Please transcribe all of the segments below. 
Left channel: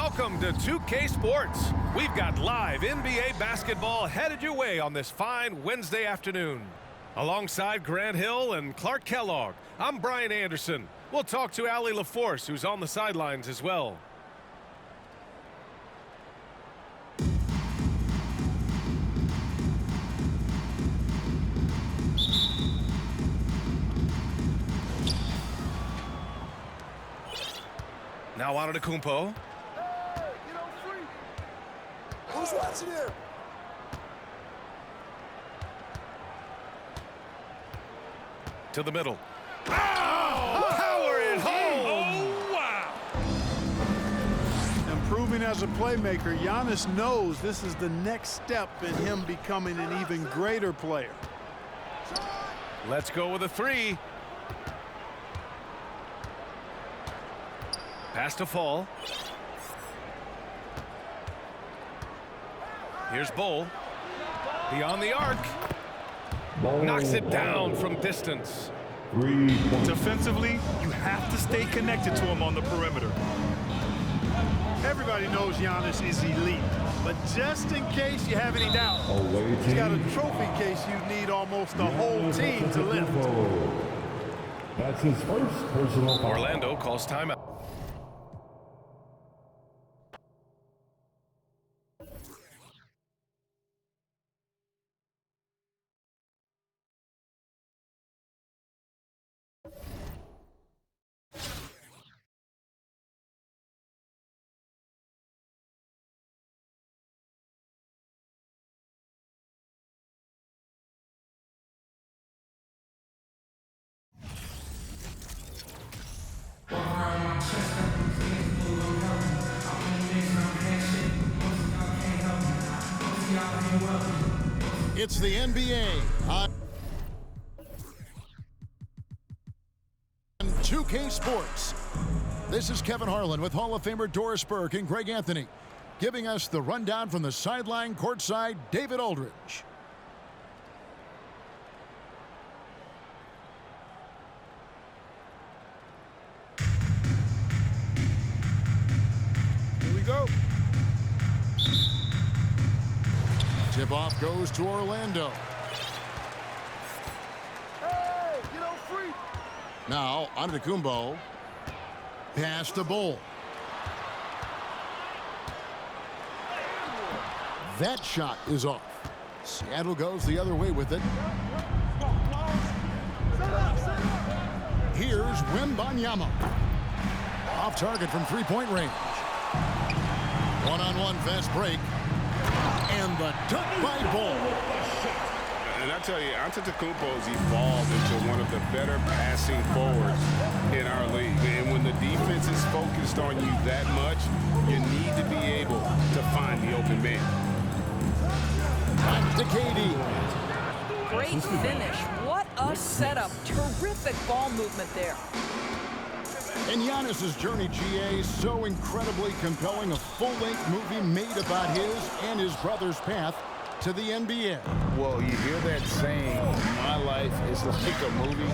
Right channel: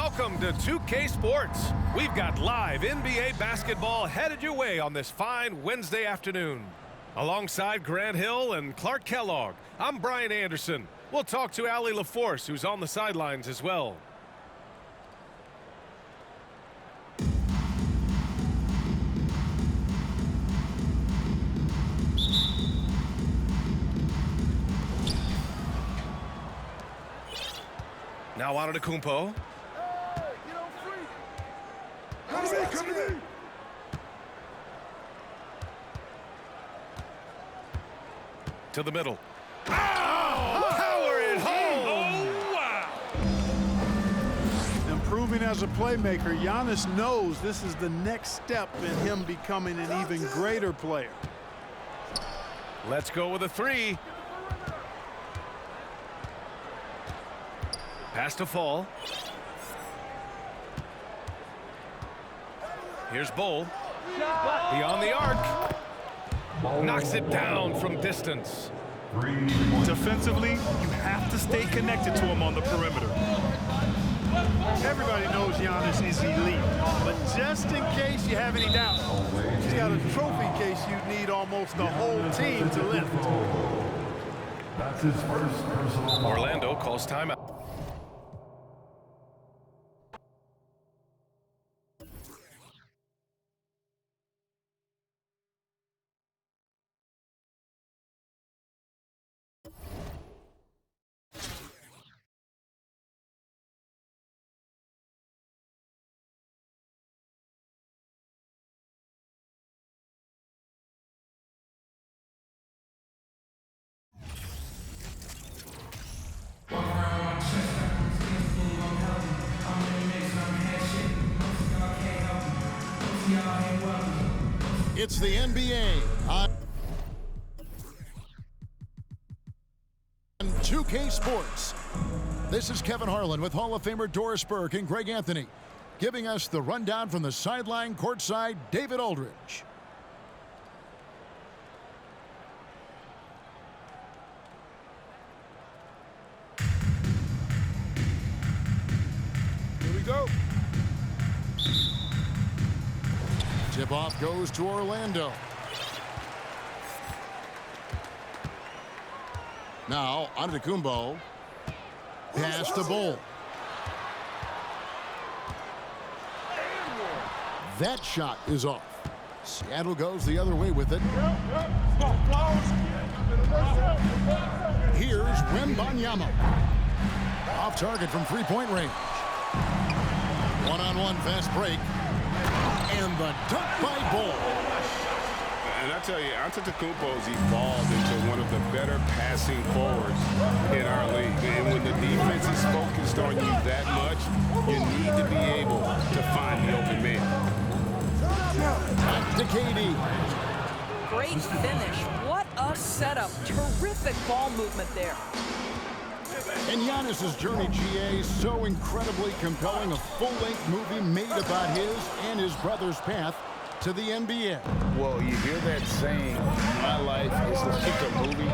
Welcome to 2K Sports. We've got live NBA basketball headed your way on this fine Wednesday afternoon. Alongside Grant Hill and Clark Kellogg, I'm Brian Anderson. We'll talk to Allie LaForce, who's on the sidelines as well. Now Antetokounmpo. To the middle. Oh, power it home! Oh, wow! Improving as a playmaker, Giannis knows this is the next step in him becoming an even greater player. Let's go with a three. Pass to Fall. Here's Bull. Beyond the arc. Knocks it down from distance. Defensively, you have to stay connected to him on the perimeter. Everybody knows Giannis is elite, but just in case you have any doubt, he's got a trophy case you need almost the whole team to lift. That's his first personal foul. Orlando calls timeout. It's the NBA on 2K Sports. This is Kevin Harlan with Hall of Famer Doris Burke and Greg Anthony, giving us the rundown from the sideline courtside, David Aldridge. Here we go. Tip-off goes to Orlando. Now, Antetokounmpo. Pass to Bull. That shot is off. Seattle goes the other way with it. Here's Wembanyama. Off target from three-point range. One-on-one fast break. And the dunk by Bull. And I tell you, Antetokounmpo's evolved into one of the better passing forwards in our league. And when the defense is focused on you that much, you need to be able to find the open man. Back to KD. Great finish. What a setup. Terrific ball movement there. And Giannis's journey, GA, so incredibly compelling. A full-length movie made about his and his brother's path to the NBA. Well, you hear that saying, my life is like a movie.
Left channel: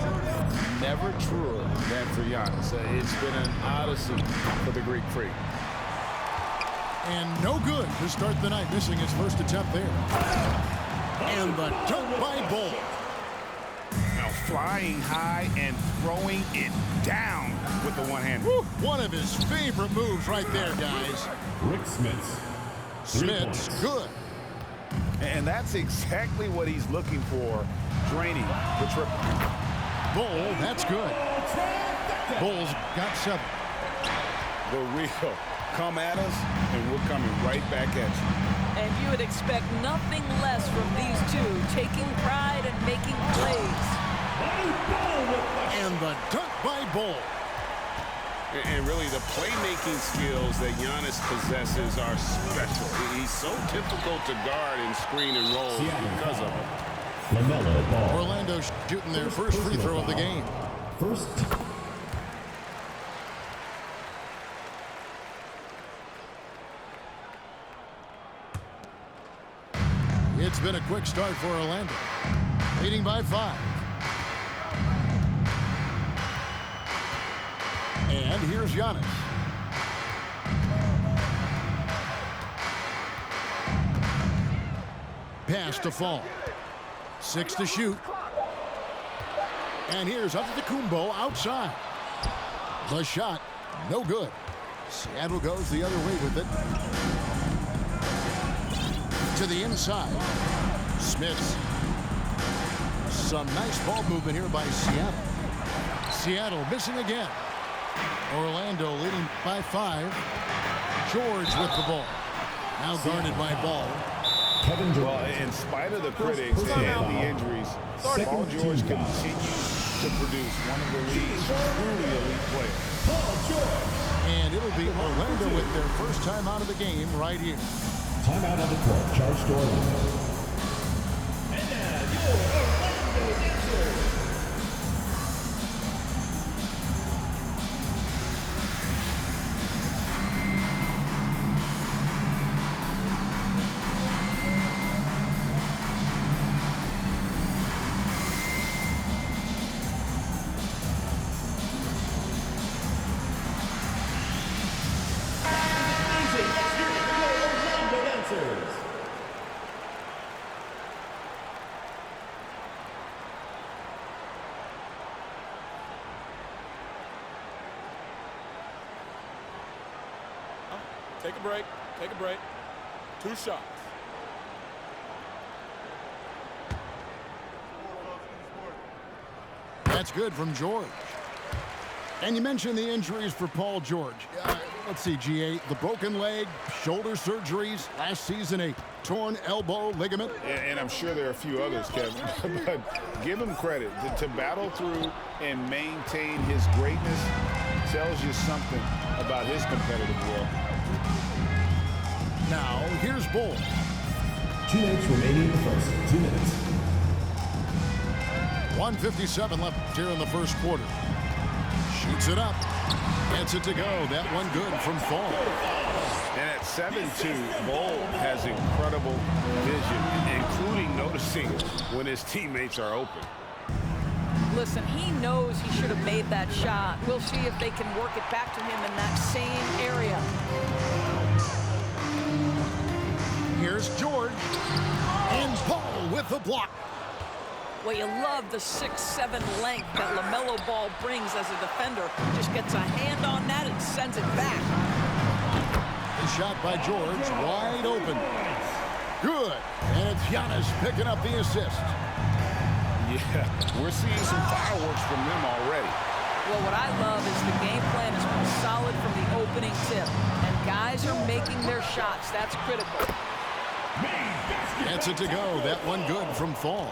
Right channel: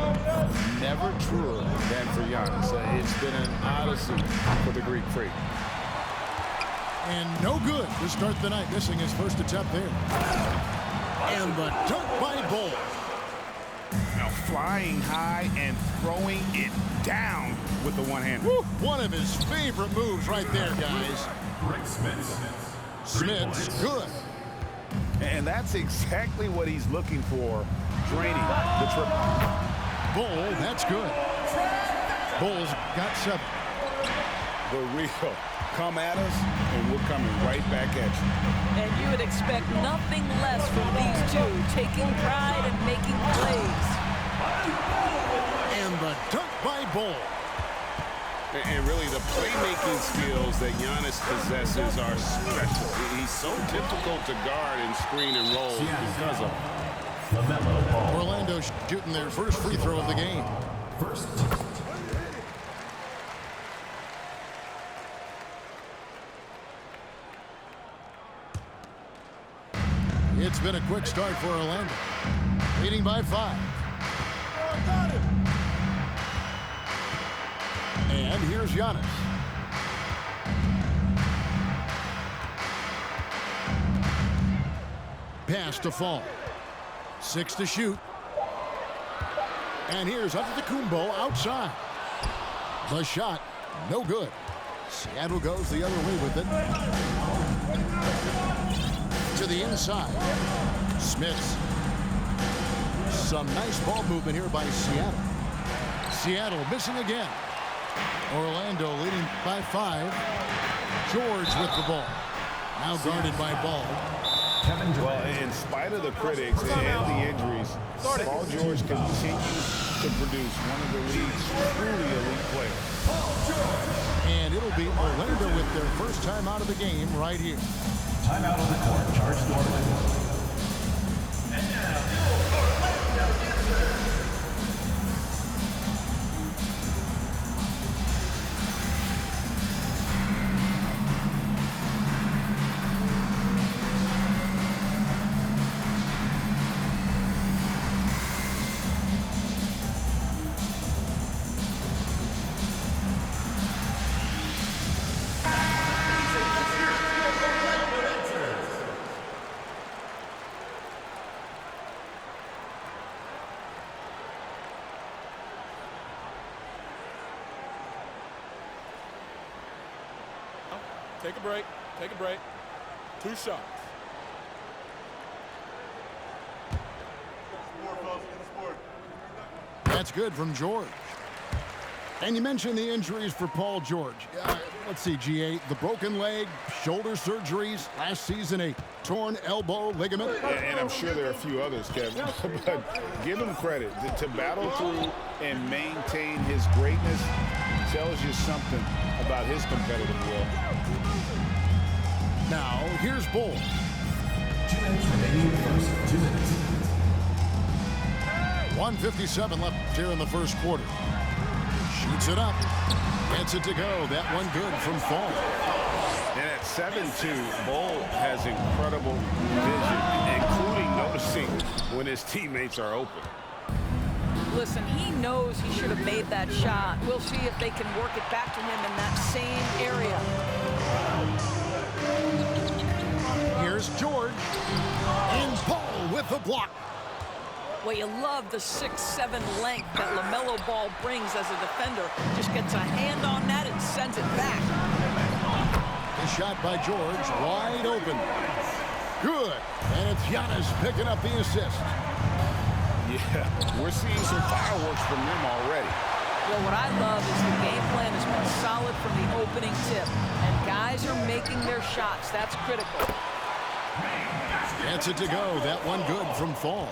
Never truer than for Giannis. It's been an odyssey for the Greek freak. And no good to start the night, missing his first attempt there. And the dunk by Bull. Now flying high and throwing it down with the one hand. One of his favorite moves right there, guys. Rick Smith. Smith's good. And that's exactly what he's looking for, draining the triple. Bull, that's good. Bull's got 7. The real. Come at us, and we're coming right back at you. And you would expect nothing less from these two, taking pride and making plays. And the dunk by Bull. And really, the playmaking skills that Giannis possesses are special. He's so difficult to guard and screen and roll because of it. LaMelo Ball. Orlando shooting their first free throw of the game. First. It's been a quick start for Orlando, leading by 5. And here's Giannis. pass to fall. 6 to shoot. And here's Antetokounmpo outside. The shot, no good. Seattle goes the other way with it. To the inside. Smith. Some nice ball movement here by Seattle. Seattle missing again. Orlando leading by 5. George with the ball. Now guarded by Ball. Well, in spite of the critics and the injuries, Paul George continues to produce one of the league's truly elite players. And it'll be Orlando with their first time out of the game right here. Timeout on the court, charged to Orlando. And now, your Orlando Users. Take a break. Take a break. 2 shots. That's good from George. And you mentioned the injuries for Paul George. Let's see, GA, the broken leg, shoulder surgeries, last season a torn elbow ligament. And I'm sure there are a few others, Kevin. But give him credit. To battle through and maintain his greatness tells you something about his competitive will. Now, here's Bull. 2 minutes remaining in the first. 2 minutes. 1:57 left here in the first quarter. Shoots it up. Gets it to go. That one good from Fall. And at 7'2", Bull has incredible vision, including noticing when his teammates are open. Listen, he knows he should have made that shot. We'll see if they can work it back to him in that same area. Here's George. And Paul with the block. Well, you love the 6'7" length that LaMelo Ball brings as a defender. Just gets a hand on that and sends it back. The shot by George, wide open. Good. And it's Giannis picking up the assist. Yeah, we're seeing some fireworks from them already. Well, what I love is the game plan has been solid from the opening tip. And guys are making their shots. That's critical. Gets it to go. That one good from Fall.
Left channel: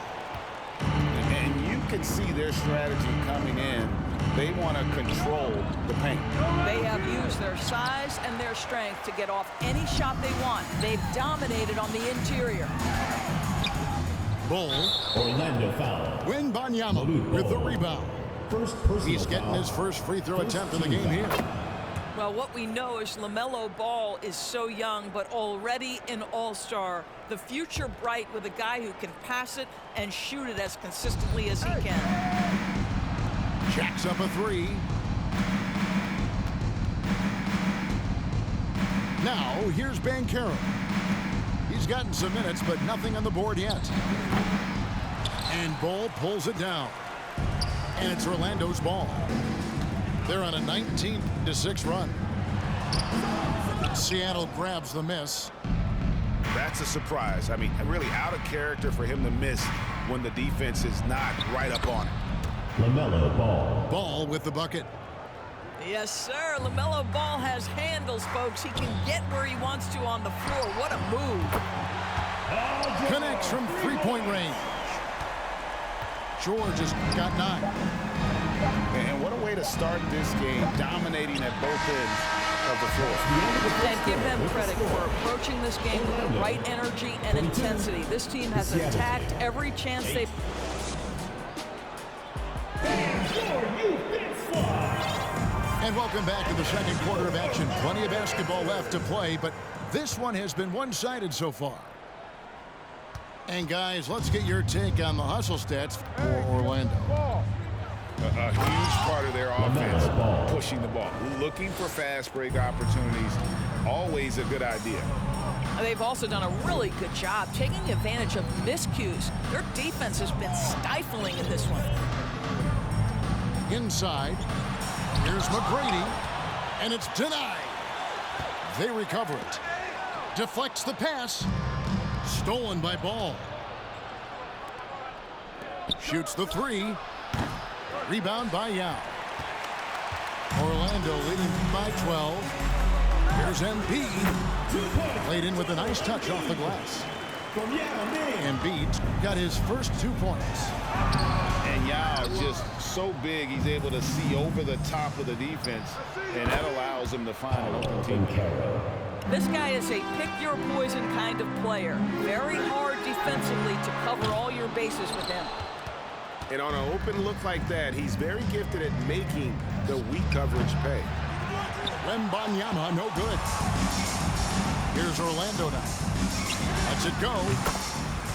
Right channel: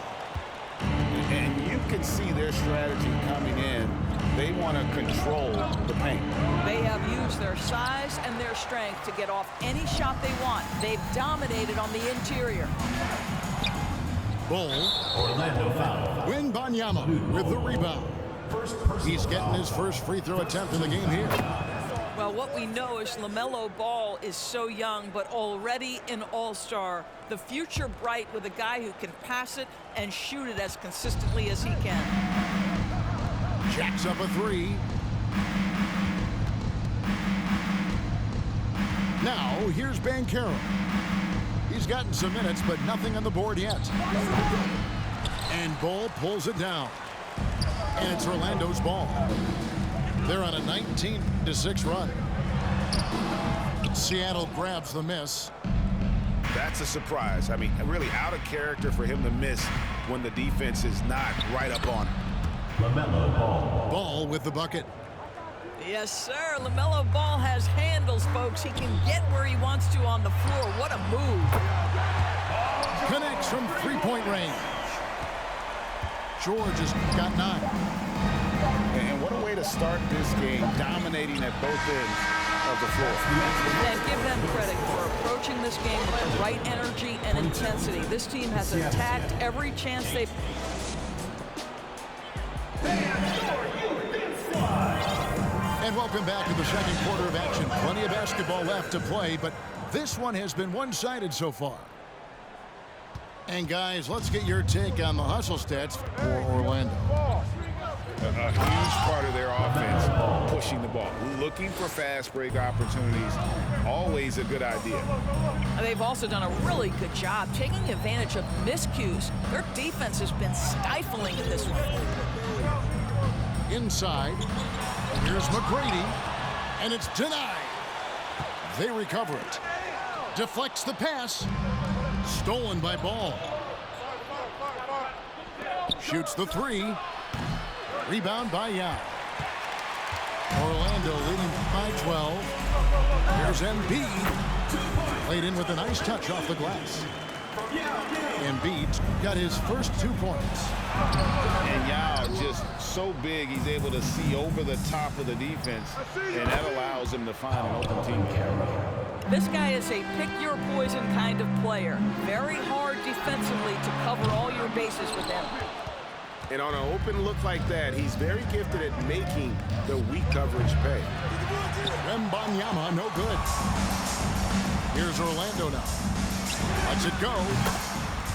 And you can see their strategy coming in. They want to control the paint. They have used their size and their strength to get off any shot they want. They've dominated on the interior. Bull. Orlando foul. Wembanyama with the rebound. He's getting his first free throw attempt in the game here. Well, what we know is LaMelo Ball is so young, but already an all-star. The future bright with a guy who can pass it and shoot it as consistently as he can. Jacks up a 3. Now, here's Banchero. He's gotten some minutes, but nothing on the board yet. And Ball pulls it down. And it's Orlando's ball. They're on a 19-6 run. Seattle grabs the miss. That's a surprise. I mean, really out of character for him to miss when the defense is not right up on it. LaMelo Ball. Ball with the bucket. Yes, sir. LaMelo Ball has handles, folks. He can get where he wants to on the floor. What a move. Connects from three-point range. George has got 9. And what a way to start this game, dominating at both ends of the floor. And give them credit for approaching this game with the right energy and intensity. This team has attacked every chance they've... And welcome back to the second quarter of action. Plenty of basketball left to play, but this one has been one-sided so far. And guys, let's get your take on the hustle stats for Orlando. A huge part of their offense, pushing the ball. Looking for fast break opportunities, always a good idea. They've also done a really good job taking advantage of miscues. Their defense has been stifling in this one. Inside, here's McGrady, and it's denied. They recover it. Deflects the pass. Stolen by Ball. Shoots the three. Rebound by Yao. Orlando leading by 12. Here's Embiid. Played in with a nice touch off the glass. Embiid got his first 2 points. And Yao just so big, he's able to see over the top of the defense, and that allows him to find an open teammate. This guy is a pick-your-poison kind of player. Very hard defensively to cover all your bases with him. And on an open look like that, he's very gifted at making the weak coverage pay. Wembanyama, no good. Here's Orlando now. Lets it go.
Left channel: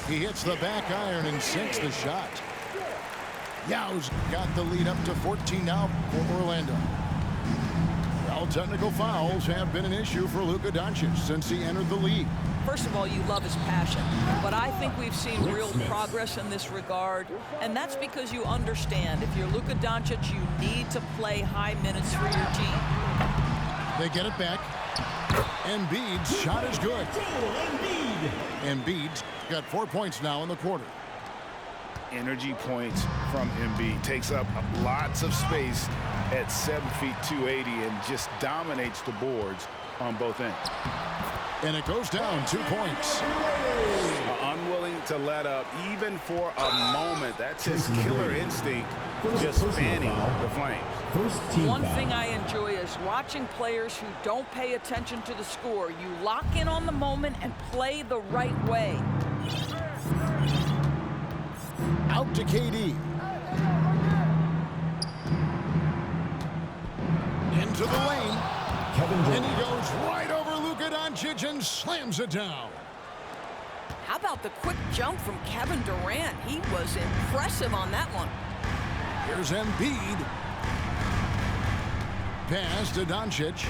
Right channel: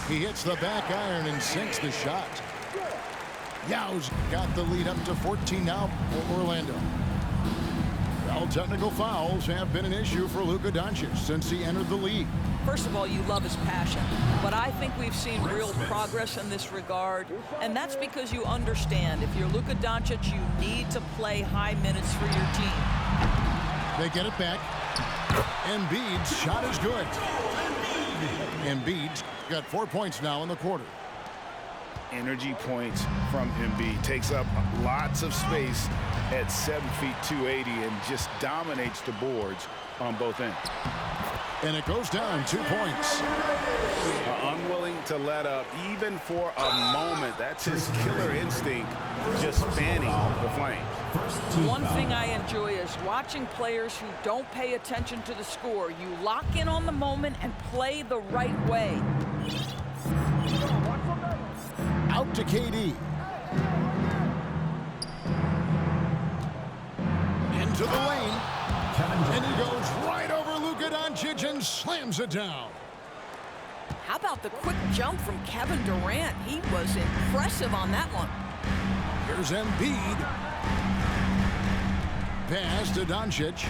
He hits the back iron and sinks the shot. Yao's got the lead up to 14 now for Orlando. Well, technical fouls have been an issue for Luka Doncic since he entered the league. First of all, you love his passion, but I think we've seen real progress in this regard, and that's because you understand if you're Luka Doncic, you need to play high minutes for your team. They get it back. Embiid's shot is good. Embiid's got 4 points now in the quarter. Energy points from Embiid. Takes up lots of space at 7 feet 280 and just dominates the boards on both ends. And it goes down 2 points. Unwilling to let up even for a moment. That's his killer instinct, just fanning the flames. One thing I enjoy is watching players who don't pay attention to the score. You lock in on the moment and play the right way. Out to KD. Into the lane. And he goes right over Luka Doncic and slams it down. How about the quick jump from Kevin Durant? He was impressive on that one. Here's Embiid. Pass to Doncic.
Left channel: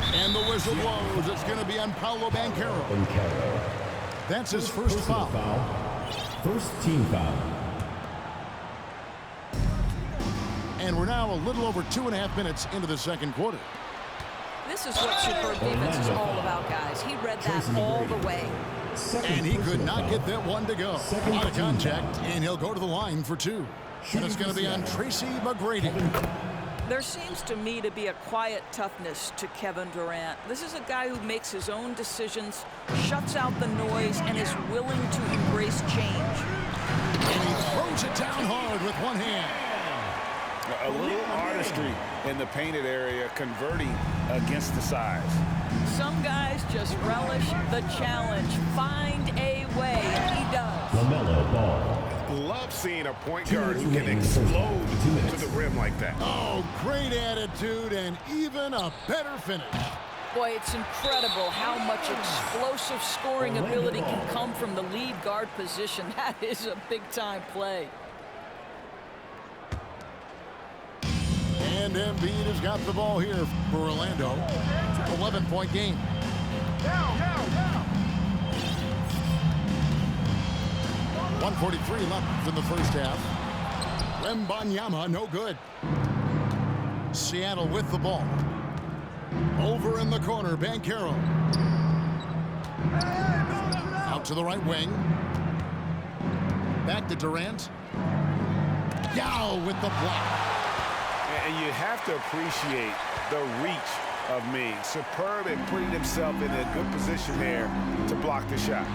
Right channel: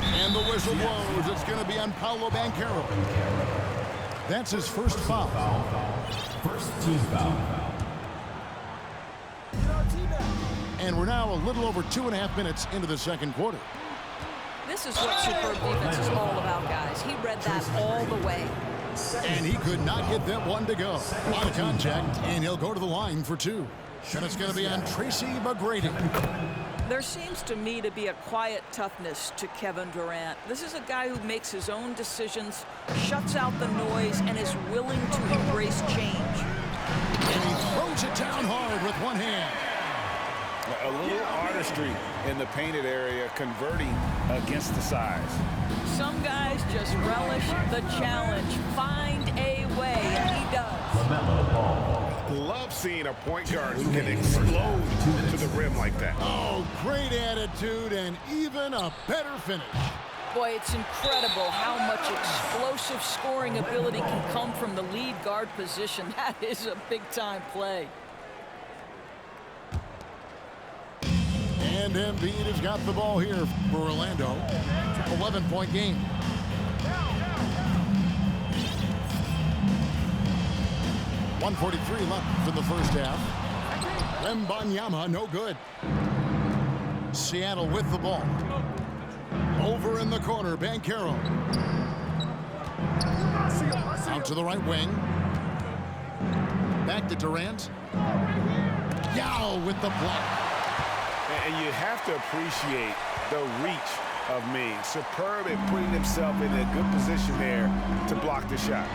And the whistle blows. It's going to be on Paolo Banchero. That's his first foul. First team foul. And we're now a little over 2.5 minutes into the second quarter. This is what superb defense is all about, guys. He read that all the way. And he could not get that one to go. A lot of contact, and he'll go to the line for 2. And it's going to be on Tracy McGrady. There seems to me to be a quiet toughness to Kevin Durant. This is a guy who makes his own decisions, shuts out the noise, and is willing to embrace change. And he throws it down hard with one hand. A little artistry in the painted area, converting against the size. Some guys just relish the challenge. Find a way, and he does. LaMelo Ball. Love seeing a point guard who can explode to the rim like that. Oh, great attitude and even a better finish. Boy, it's incredible how much explosive scoring ability can come from the lead guard position. That is a big-time play. And Embiid has got the ball here for Orlando. 11-point game. 1:43 left in the first half. Wembanyama, no good. Seattle with the ball. Over in the corner, Banchero. Out to the right wing. Back to Durant. Yao with the block. And you have to appreciate the reach of Ming. Superb at putting himself in a good position there to block the shot.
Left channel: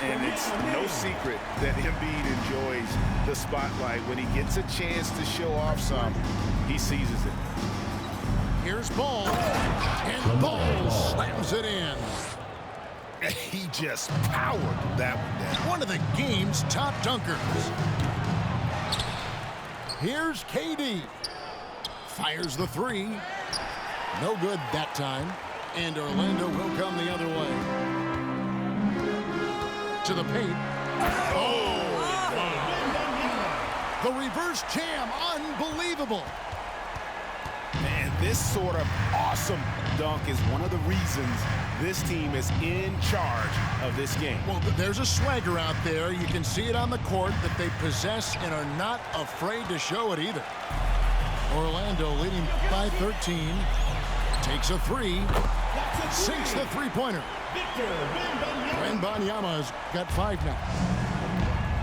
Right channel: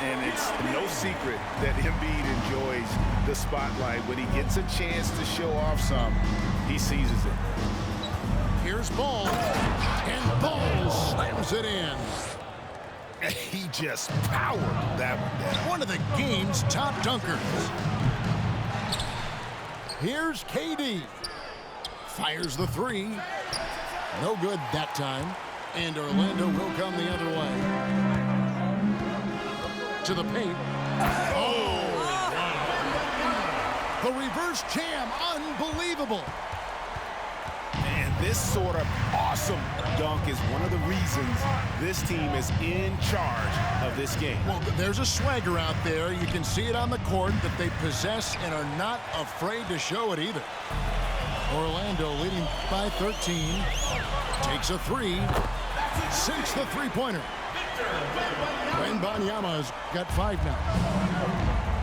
And it's no secret that Embiid enjoys the spotlight. When he gets a chance to show off some, he seizes it. Here's Ball. And Ball slams it in. He just powered that one down. One of the game's top dunkers. Here's KD. Fires the three. No good that time. And Orlando will come the other way. To the paint. Oh, wow. The reverse jam, unbelievable. And this sort of awesome dunk is one of the reasons this team is in charge of this game. Well, there's a swagger out there. You can see it on the court that they possess and are not afraid to show it either. Orlando leading by 13. Takes a three. Sinks the three-pointer. Wembanyama's got 5 now.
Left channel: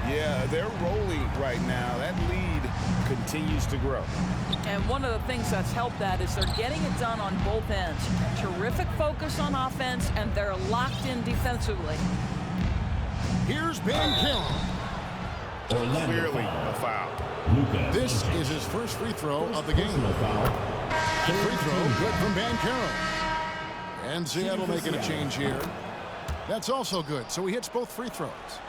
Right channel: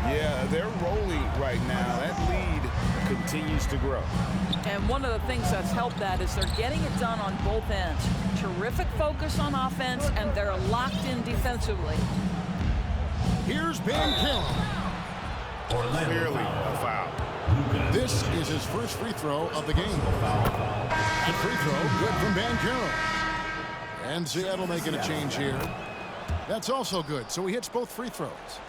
Yeah, they're rolling right now. That lead continues to grow. And one of the things that's helped that is they're getting it done on both ends. Terrific focus on offense, and they're locked in defensively. Here's Banchero. Clearly a foul. This is his first free throw of the game. And free throw good from Banchero. And Seattle making a change here. That's also good, so he hits both free throws.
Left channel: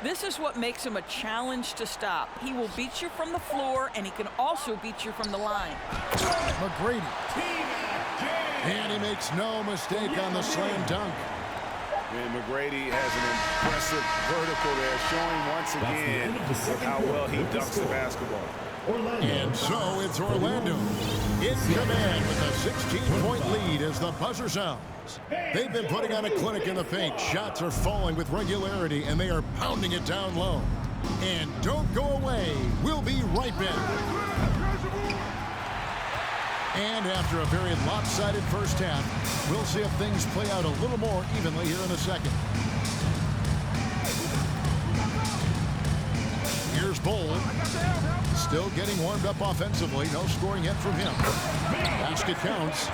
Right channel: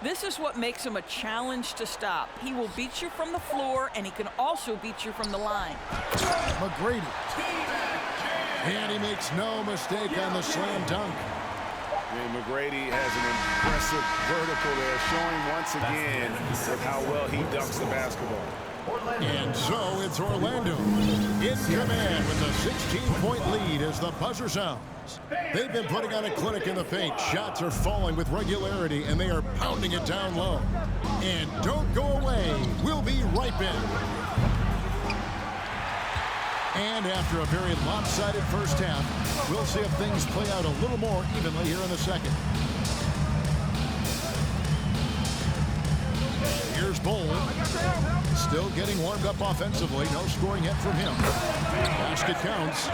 This is what makes him a challenge to stop. He will beat you from the floor, and he can also beat you from the line. McGrady. And he makes no mistake on the slam dunk. And McGrady has an impressive vertical there, showing once again with how well he dunks the basketball. And so it's Orlando in command with a 16-point lead as the buzzer sounds. They've been putting on a clinic in the paint. Shots are falling with regularity, and they are pounding it down low. And don't go away. We'll be right back. And after a very lopsided first half, we'll see if things play out a little more evenly here in the second. Here's Bull. Still getting warmed up offensively. No scoring yet from him. Basket counts.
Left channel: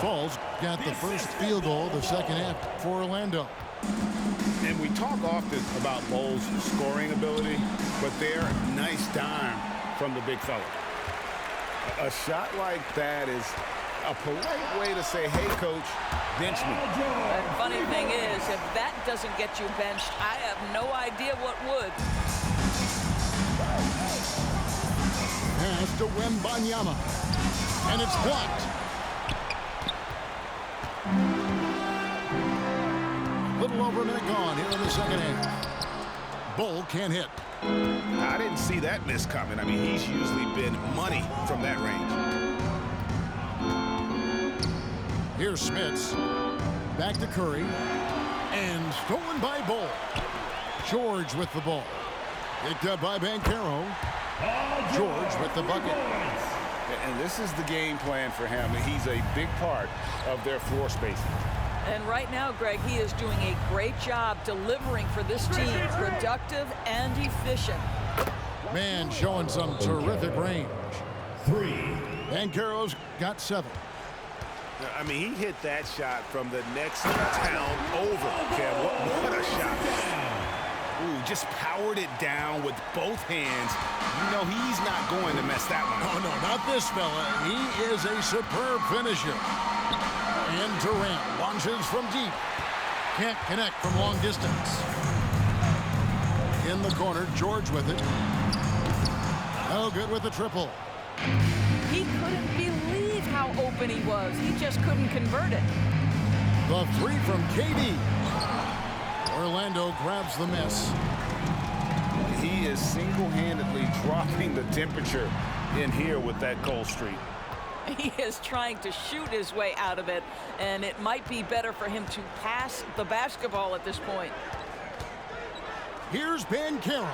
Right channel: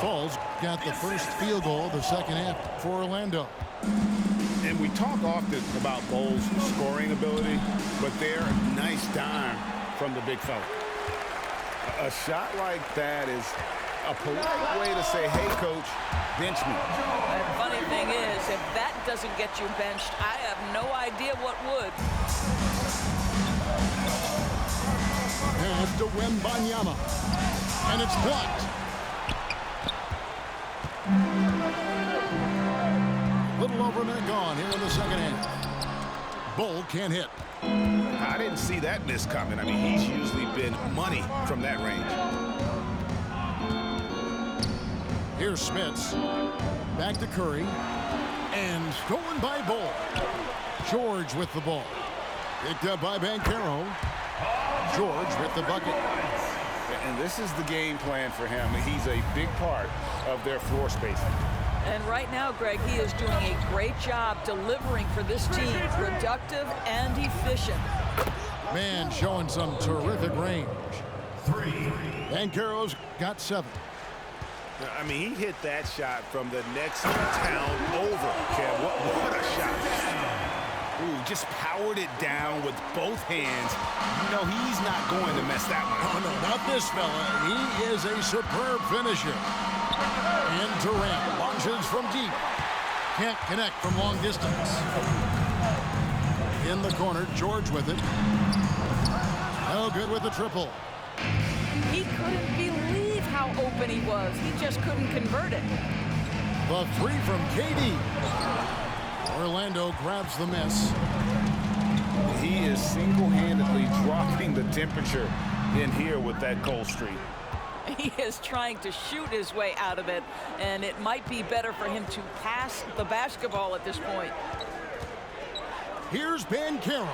Falls got the first field goal of the second half for Orlando. And we talk often about Bull's scoring ability, but they're a nice dime from the big fella. A shot like that is a polite way to say, hey, coach, bench me. The funny thing is, if that doesn't get you benched, I have no idea what would. Pass to Wembanyama. And it's blocked. A little over a minute gone here in the second half. Bull can't hit. I didn't see that miss coming. I mean, he's usually been money from that range. Here's Smits. Back to Curry. And stolen by Bull. George with the ball. Picked up by Banchero. George with the bucket. And this is the game plan for him. He's a big part of their floor spacing. And right now, Greg, he is doing a great job delivering for this team, productive and efficient. Man showing some terrific range. 3. Banchero's got 7. I mean, he hit that shot from the next town over, Kev. What a shot. Ooh, just powered it down with both hands. You know he's not going to mess that one up. Oh, no, not this fella. He is a superb finisher. And Durant launches from deep. Can't connect from long distance. In the corner, George with it. No good with the triple. He couldn't believe how open he was. He just couldn't convert it. The 3 from KD. Orlando grabs the miss. He is single-handedly dropping the temperature in here with that cold streak. He is trying to shoot his way out of it, and it might be better for him to pass the basketball at this point. Here's Banchero.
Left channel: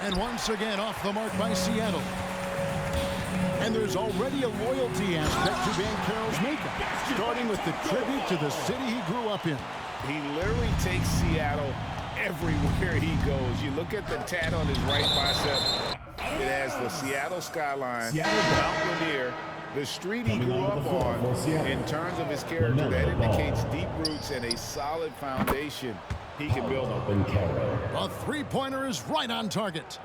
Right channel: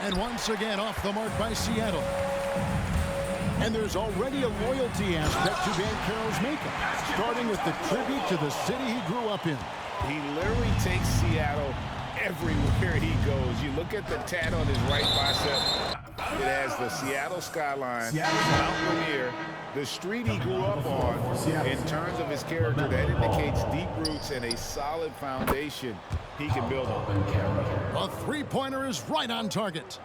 And once again off the mark by Seattle. And there's already a loyalty aspect to Banchero's makeup, starting with the tribute to the city he grew up in. He literally takes Seattle everywhere he goes. You look at the tat on his right bicep. It has the Seattle skyline, Mount Rainier, the street he grew up on. In terms of his character, that indicates deep roots and a solid foundation he can build on. A three-pointer is right on target.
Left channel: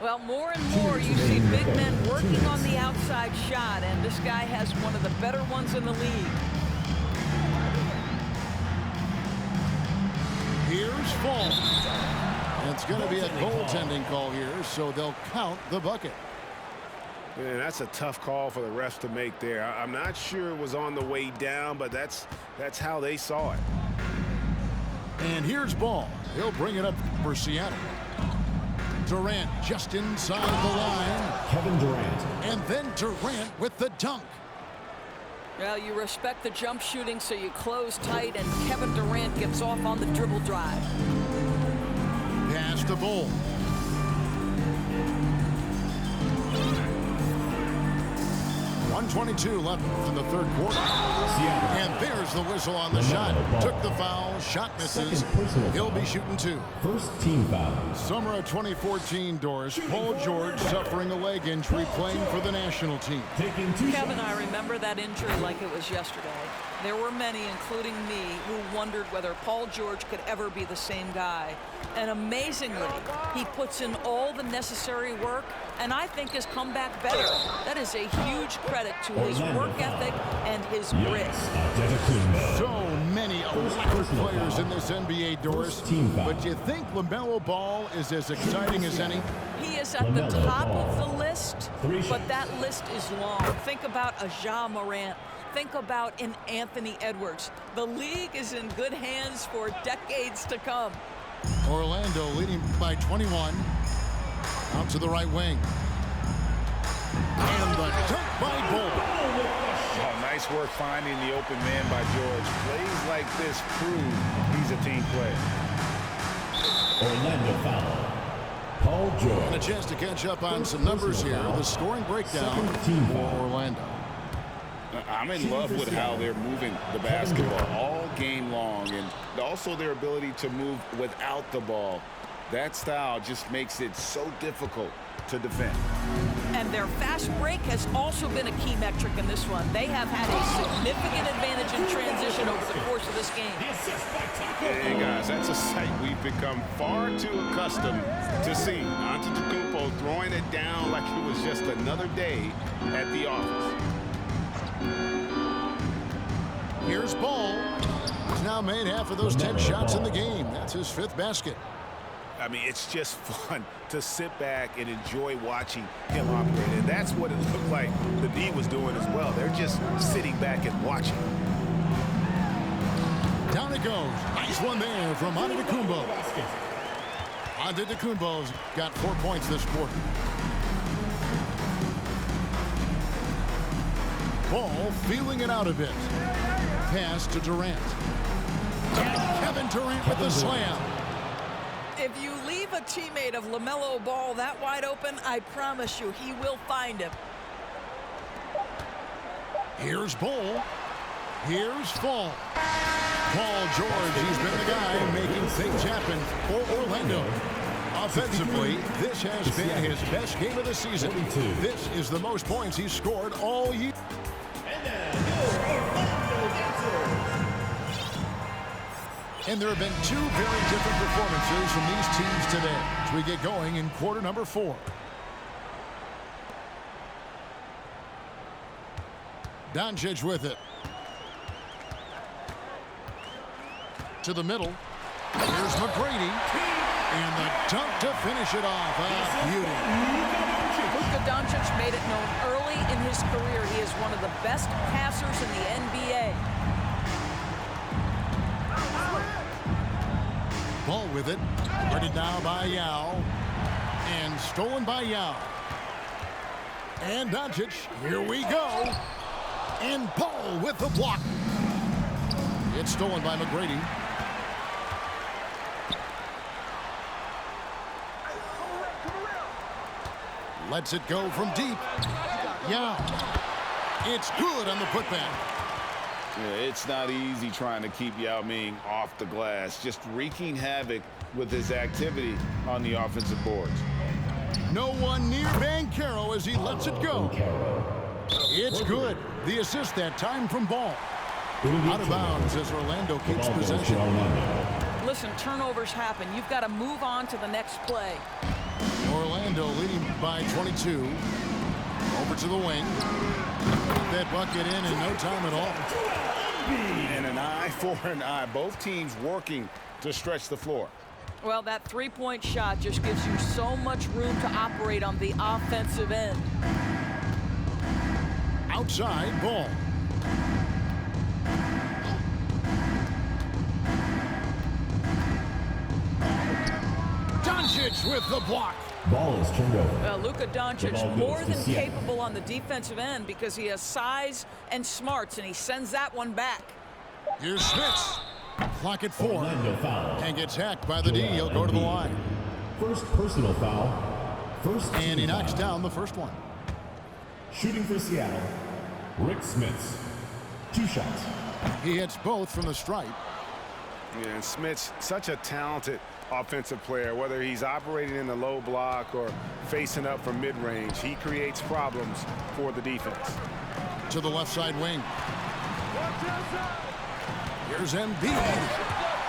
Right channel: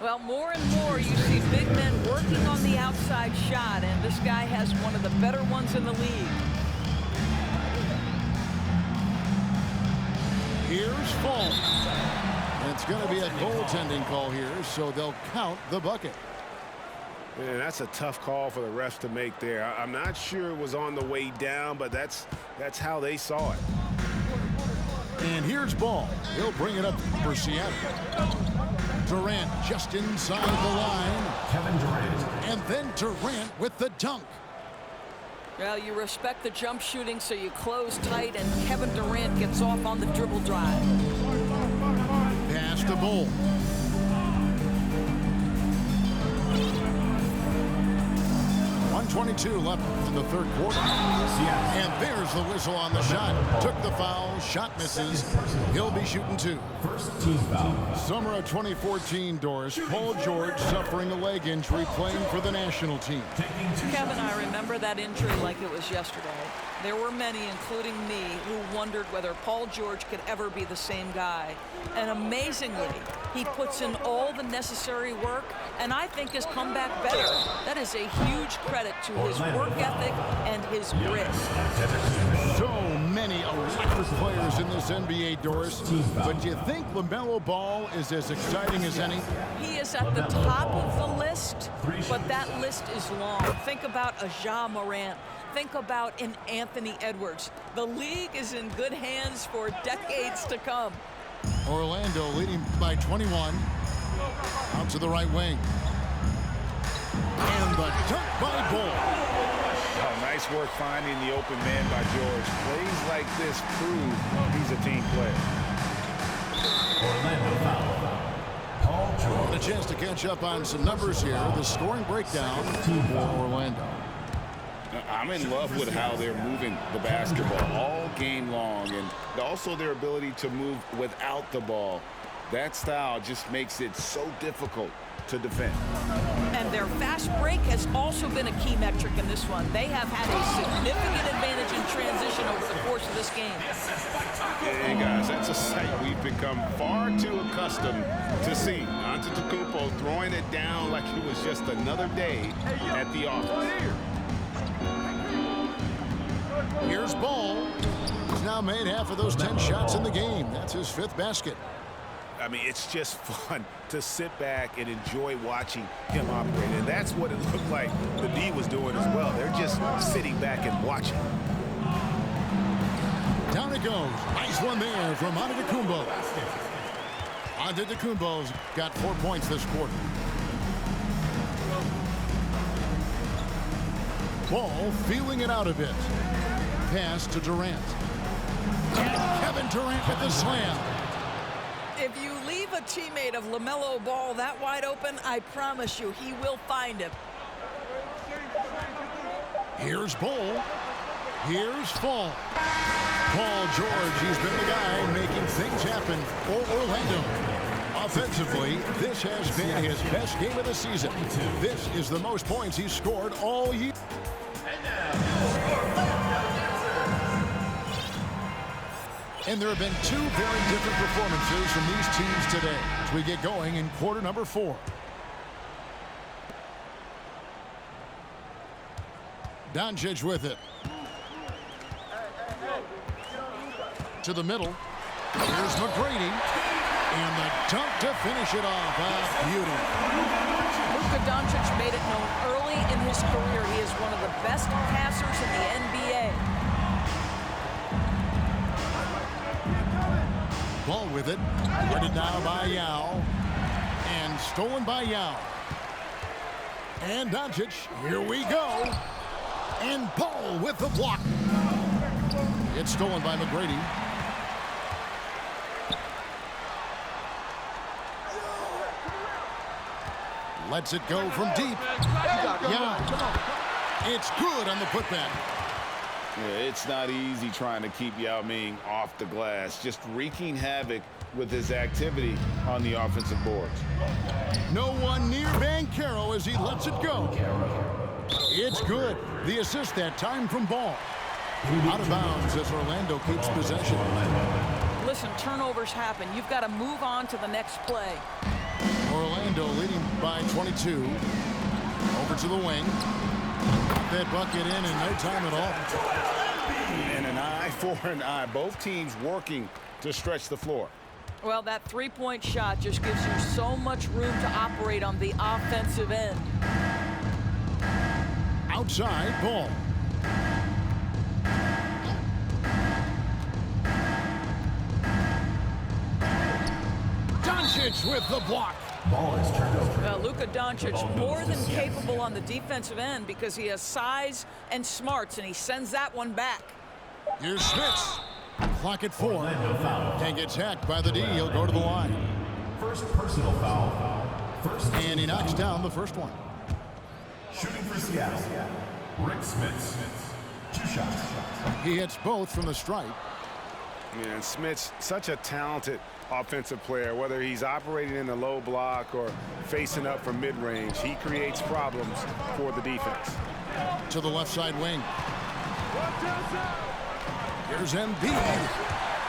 Well, more and more you see big men working on the outside shot, and this guy has one of the better ones in the league. Here's Fall. It's going to be a goaltending call here, so they'll count the bucket. And that's a tough call for the refs to make there. I'm not sure it was on the way down, but that's how they saw it. And here's Ball. He'll bring it up for Seattle. Durant just inside the line. Kevin Durant. And then Durant with the dunk. Well, you respect the jump shooting, so you close tight, and Kevin Durant gets off on the dribble drive. Pass to Bull. .122 left in the third quarter. And there's the whistle on the shot. Took the foul. Shot misses. He'll be shooting two. First team foul. Summer of 2014, Doris. Paul George suffering a leg injury playing for the national team. Taking two Kevin, shots. I remember that injury like it was yesterday. There were many, including me, who wondered whether Paul George could ever be the same guy. And amazingly, he puts in all the necessary work and I think has come back better. That is a huge credit to his work ethic and his grit. So many electric players in this NBA, Doris. But do you think LaMelo Ball is as exciting as any? He is at the top of the list, but that list is long. Think about a Ja Morant. Think about an Anthony Edwards. The league is in good hands for decades to come. Orlando leading by 21. Out to the right wing. And the dunk by Bull. Oh, nice work finding the open man by George. Plays like this prove he's a team player. Orlando foul. Paul George. And a chance to catch up on some numbers here. The scoring breakdown for Orlando. I'm in love with how they're moving the basketball all game long, and also their ability to move without the ball. That style just makes it so difficult to defend. And their fast break has also been a key metric in this one. They have had a significant advantage in transition over the course of this game. Hey guys, that's a sight we've become far too accustomed to seeing. Antetokounmpo throwing it down like it was just another day at the office. Here's Ball. He's now made half of those 10 shots in the game. That's his 5th basket. I mean, it's just fun to sit back and enjoy watching him operate. And that's what it looked like the D was doing as well. They're just sitting back and watching. Down it goes. Nice one there from Antetokounmpo. Antetokounmpo's got 4 points this quarter. Ball feeling it out a bit. Pass to Durant. And Kevin Durant with the slam. If you leave a teammate of LaMelo Ball that wide open, I promise you he will find him. Here's Bull. Here's Fall. Paul George, he's been the guy making things happen for Orlando. Offensively, this has been his best game of the season. This is the most points he's scored all year. And there have been 2 very different performances from these teams today as we get going in quarter number 4. Doncic with it. To the middle. Here's McGrady. And the dunk to finish it off. Beauty. Luka Doncic made it known early in his career he is one of the best passers in the NBA. Ball with it. Guarded now by Yao. And stolen by Yao. And Doncic. Here we go. And Ball with the block. It's stolen by McGrady. Lets it go from deep. Yao. It's good on the putback. Yeah, it's not easy trying to keep Yao Ming off the glass, just wreaking havoc with his activity on the offensive boards. No one near Banchero as he lets it go. It's good. The assist that time from Ball. Out of bounds as Orlando keeps possession. Listen, turnovers happen. You've got to move on to the next play. Orlando leading by 22. Over to the wing. Got that bucket in no time at all. And an eye for an eye. Both teams working to stretch the floor. Well, that three-point shot just gives you so much room to operate on the offensive end. Outside Ball. Doncic with the block. Ball is turned over. Luka Doncic more than capable on the defensive end because he has size and smarts, and he sends that one back. Here's Smits. Clock at 4. And gets hacked by the D. He'll go to the line. First personal foul. And he knocks down the first one. Shooting for Seattle, Rick Smits. 2 shots. He hits both from the stripe. Yeah, and Smits, such a talented offensive player. Whether he's operating in the low block or facing up from mid-range, he creates problems for the defense. To the left side wing. Here's Embiid.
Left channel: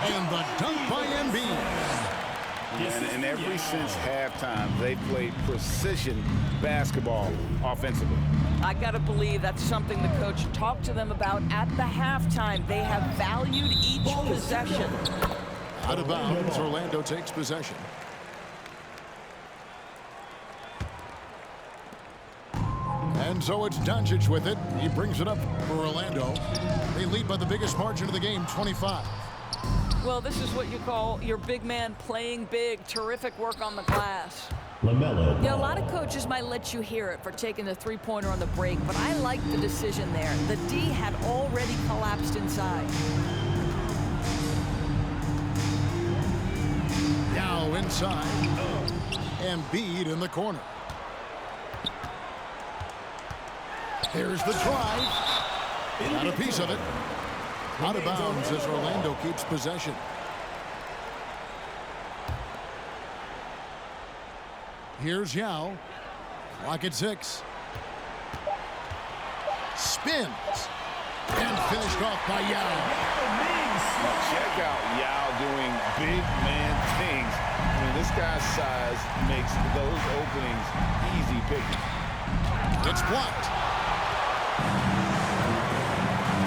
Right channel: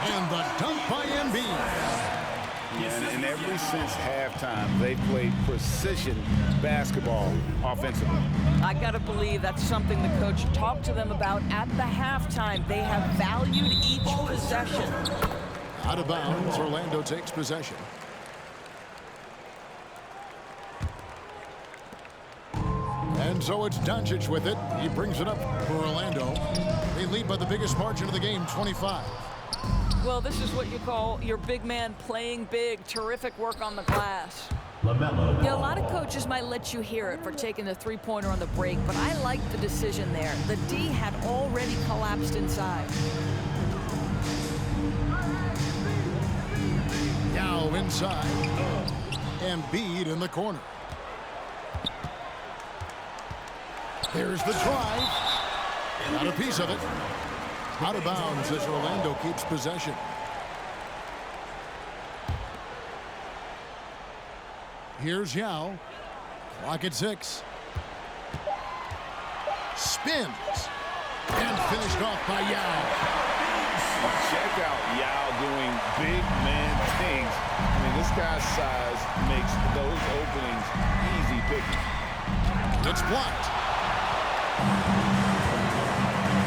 And the dunk by Embiid. And ever since halftime, they played precision basketball offensively. I got to believe that's something the coach talked to them about at the halftime. They have valued each possession. Out of bounds, Orlando takes possession. And so it's Doncic with it. He brings it up for Orlando. They lead by the biggest margin of the game, 25. Well, this is what you call your big man playing big. Terrific work on the glass. LaMelo. Yeah, a lot of coaches might let you hear it for taking the three-pointer on the break, but I like the decision there. The D had already collapsed inside. Now inside. Embiid in the corner. Here's the drive. Got a piece of it. Out of bounds as Orlando keeps possession. Here's Yao. Clock at 6. Spins. And finished off by Yao. Now check out Yao doing big man things. I mean, this guy's size makes those openings easy picking. It's blocked.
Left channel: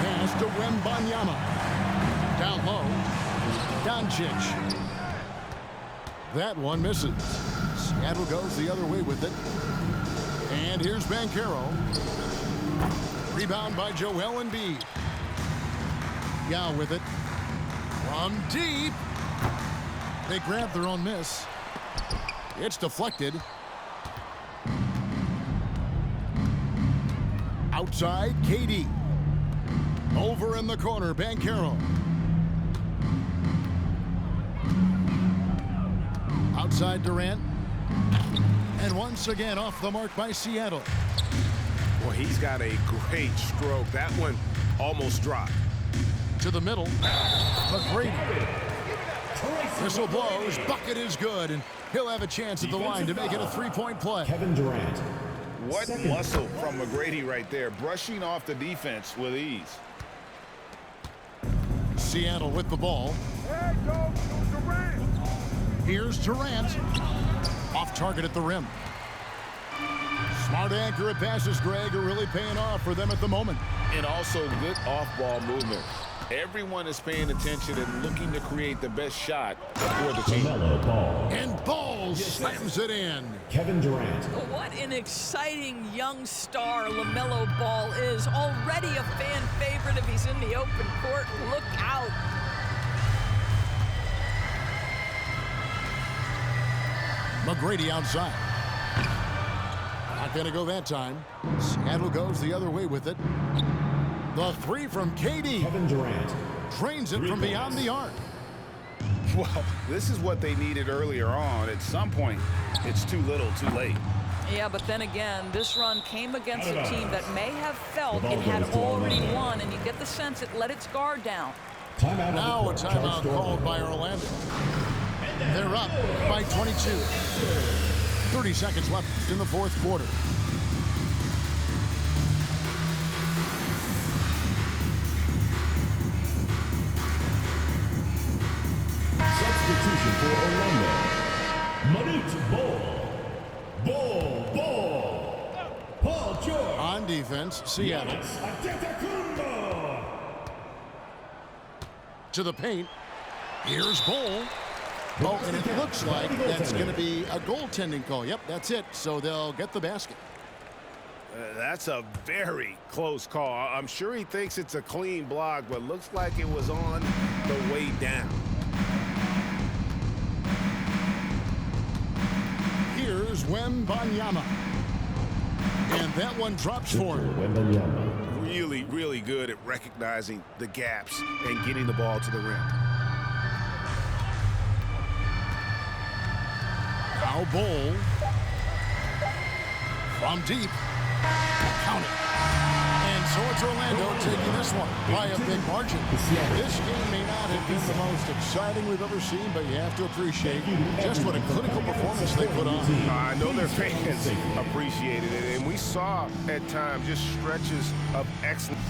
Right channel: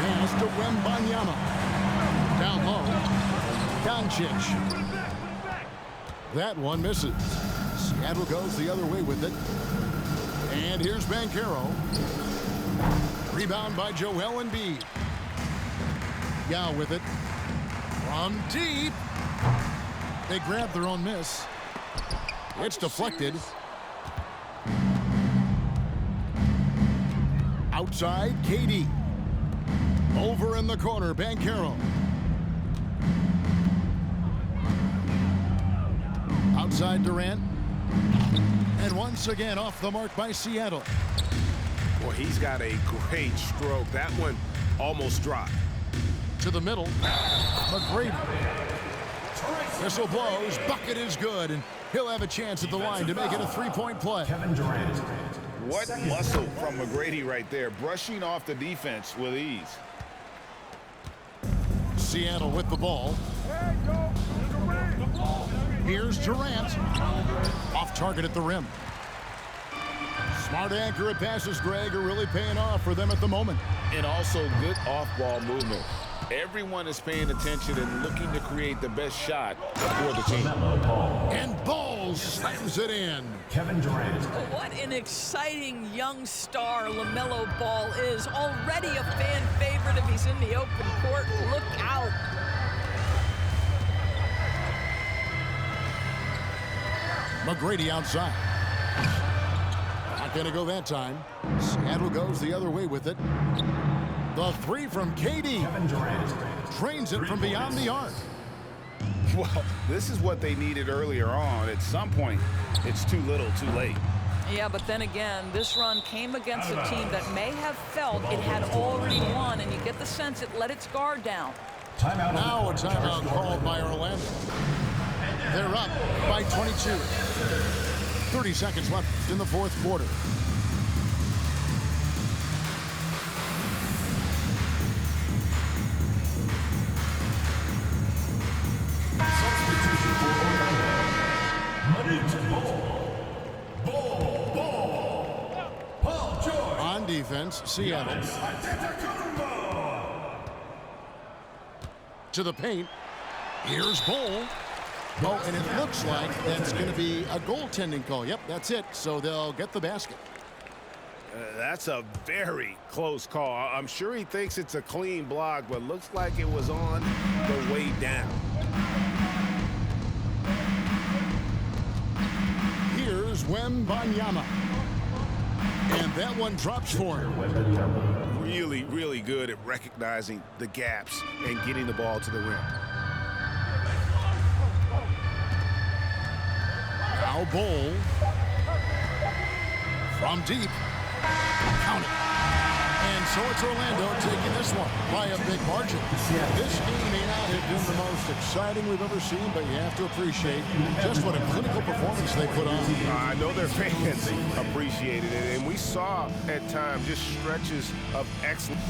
Pass to Wembanyama. Down low. Doncic. That one misses. Seattle goes the other way with it. And here's Banchero. Rebound by Joel Embiid. Yao with it. From deep. They grab their own miss. It's deflected. Outside, KD. Over in the corner, Banchero. Outside Durant. And once again off the mark by Seattle. Boy, he's got a great stroke. That one almost dropped. To the middle. McGrady. Whistle blows. Bucket is good. And he'll have a chance at the line to make it a three-point play. Kevin Durant. What muscle from McGrady right there, brushing off the defense with ease. Seattle with the ball. Here's Durant. Off target at the rim. Smart accurate passes, Greg, are really paying off for them at the moment. And also good off-ball movement. Everyone is paying attention and looking to create the best shot for the team. And Ball slams it in. Kevin Durant. What an exciting young star LaMelo Ball is. Already a fan favorite if he's in the open court. Look out. McGrady outside. Not going to go that time. Seattle goes the other way with it. The three from KD. Kevin Durant. Drains it from beyond the arc. Well, this is what they needed earlier on. At some point, it's too little, too late. Yeah, but then again, this run came against a team that may have felt it had already won, and you get the sense it let its guard down. Timeout. Now a timeout called by Orlando. They're up by 22. 30 seconds left in the fourth quarter. Substitution for Orlando. Manute Ball. Paul George. On defense, Seattle. To the paint. Here's Ball. Oh, and it looks like that's going to be a goaltending call. Yep, that's it. So they'll get the basket. That's a very close call. I'm sure he thinks it's a clean block, but looks like it was on the way down. Here's Here's Wembanyama. And that one drops for him. Really, really good at recognizing the gaps and getting the ball to the rim. Now Bol. From deep. Count it. And so it's Orlando taking this one by a big margin. This game may not have been the most exciting we've ever seen, but you have to appreciate just what a clinical performance they put on. I know their fans appreciated it, and we saw at times just stretches of excellence.